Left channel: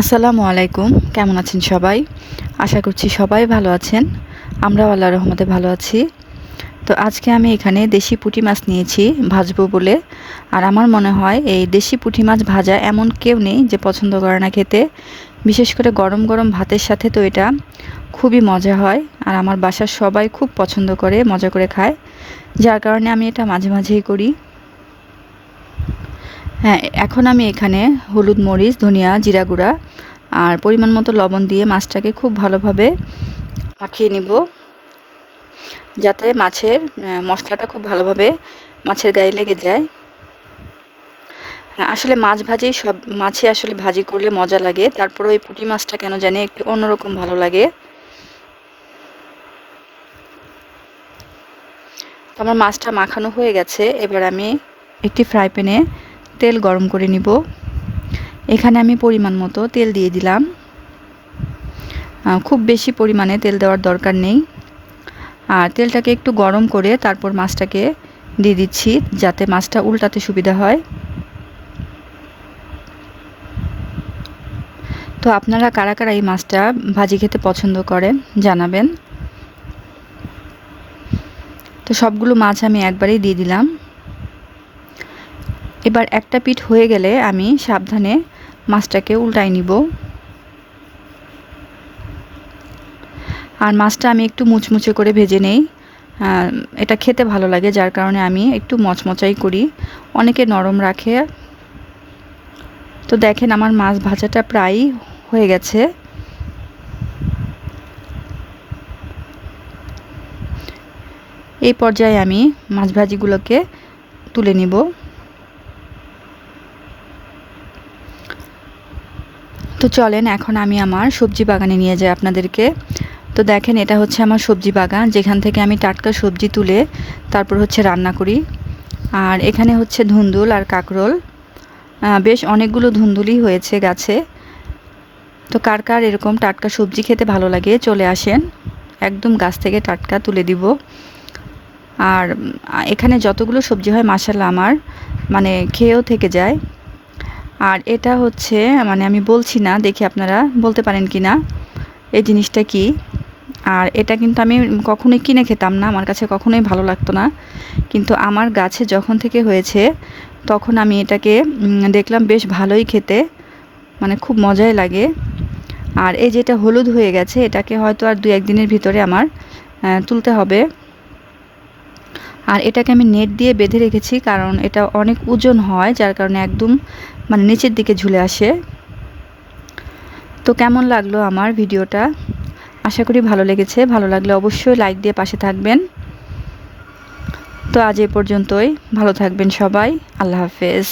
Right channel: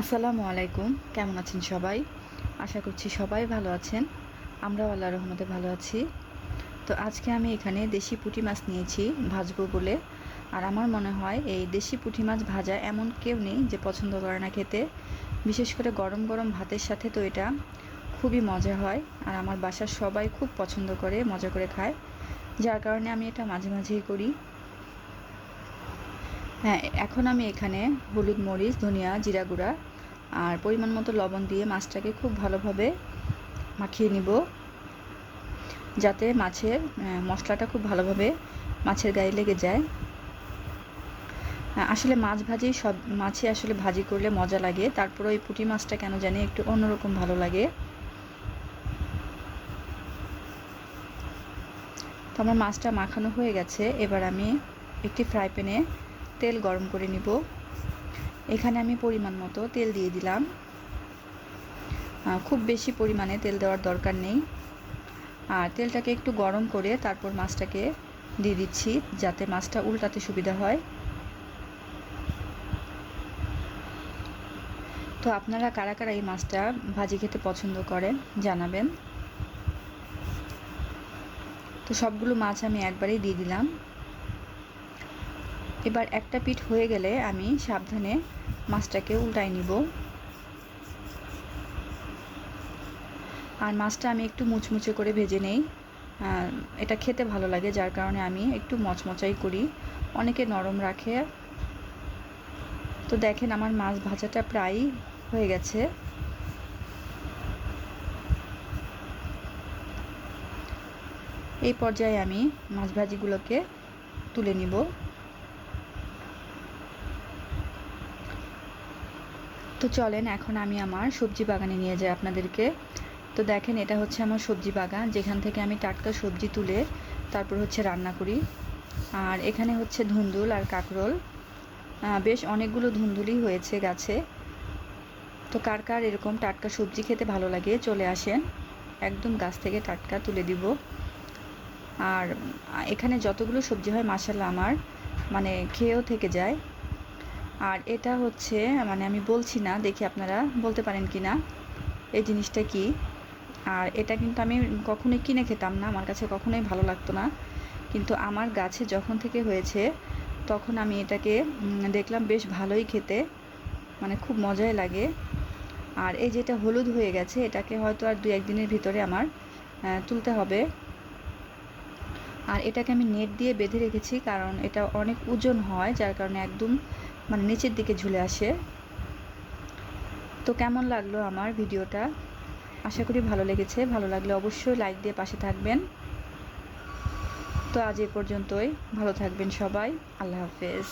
আসসালামু আলাইকুম। কেমন আছেন সবাই? আশা করছি সবাই ভালো আছেন। আমরাও আল্লাহর রহমতে ভালো আছি। তো আজকে আমি এখানে দেশি পুঁটি মাছ নিয়েছি ভাজবো বলে। আর আমার মনে হয় এই দেশি পুঁটি মাছ ভাজা এমন কেউ নেই যে পছন্দ করে না খেতে। বিশেষ করে গরম গরম ভাতের সাথে তো এটা খুবই মজা হয়। আর আমার বাসার সবাই খুব পছন্দ করে, মজা করে খায়। যার কারণে আমি এটা মাঝে মাঝেই করি। হ্যাঁ, এখন আমি এখানে হলুদ, মরিচ, ধনিয়া, জিরা গুঁড়া আর পরিমাণ মতো লবণ দিয়ে মাছটাকে খুব ভালোভাবে মাখিয়ে নিব, যাতে মাছের মশলাটা খুব ভালোভাবে মাছের গায়ে লেগে যায়। আসলে মাছ ভাজি সব মাছই আসলে ভাজি করলে মজা লাগে, তারপরে ওই পুঁটি মাছটা কেন জানি একটু অন্যরকম ভালো লাগে। তো আমার মাছটা মাখানো হয়ে গেছে। এবার আমি একটি ফ্রাই প্যানে তেল গরম করে নিব। এখানে আমি পরিমাণ মতো তেল দিয়ে দিলাম। খুব বেশি পরিমাণে তেল দেওয়ার দরকার নেই। আর তেলটাকে একটু গরম করে তারপর মাছটাকে দিয়ে দিচ্ছি, যাতে মাছটা উল্টাতে সুবিধা হয়। তো আপনারা কারা কারা এই মাছটা ভাজি খেতে পছন্দ করেন জানাবেন। তো সবগুলো মাছ আমি একবারেই দিয়ে দিলাম। এবার একটা পিঠ হয়ে গেলে আমি সাবধানে মাছটাকে উল্টাই নিব। আর মাছটা আমি একটু মুচমুচে করে ভেজে নেই। এটা খেতে ভালো লাগে, যার কারণে আমি একটু মচমচাই করি, অনেকে নরম রাখে। তো দেখেন আমার মাছ ভাজাটা প্রায় হয়ে গেছে। এই পর্যায়ে আমি মাছ ভাজিগুলোকে তুলে নিব। তো চলেন এখন আমি আমার সবজি বাগানে নিয়ে যাই আপনাদেরকে। তো দেখেন এটা হচ্ছে আমার সবজি বাগান, যেখান থেকে আমি টাটকা সবজি তুলে তারপর হচ্ছে রান্না করি। আর এখানে হচ্ছে ধুন্দুল আর কাকরোল, বেশ অনেকগুলো ধুন্দুলই হয়েছে গাছে। তো কার কার এরকম টাটকা সবজি খেতে ভালো লাগে চলে আসেন, একদম গাছ থেকে টাটকা তুলে দিব। আর এখানে যতগুলো সবজি হয় মাশাআল্লাহ আমার মানে খেয়েও থেকে যায়। আর এটা হচ্ছে মানে আমি বলছি না, দেখি আপনারা বলতে পারেন কি না এই জিনিসটা কি। আর এটা কিন্তু আমি কখনোই কিনে খেতাম না, আমার কাছে কখনোই ভালো লাগতো না। কিন্তু আমার গাছে যখন থেকে হয়েছে তখন আমি এটাকে দেখলাম বেশ ভালোই খেতে, মানে খুব মজাই লাগে। আর এই যেটা হলুদ হয়ে গেছে এটাকে হয়তো আর 2-1 দিনের ভিতরে আমার তুলতে হবে। আর এটাকে আমি নেট দিয়ে বেঁধে রেখেছি, কারণ এটা অনেক ওজন হয়, যার কারণে একদম মানে নিচের দিকে ঝুলে আসে। তো কেমন লাগলো আমার ভিডিওটা? আশা করি ভালো লেগেছে। ভালো লাগলে অবশ্যই লাইক দিয়ে পাশে থাকবেন। তো আজ এ পর্যন্তই। ভালো থাকবেন সবাই। আল্লাহ হাফেজ।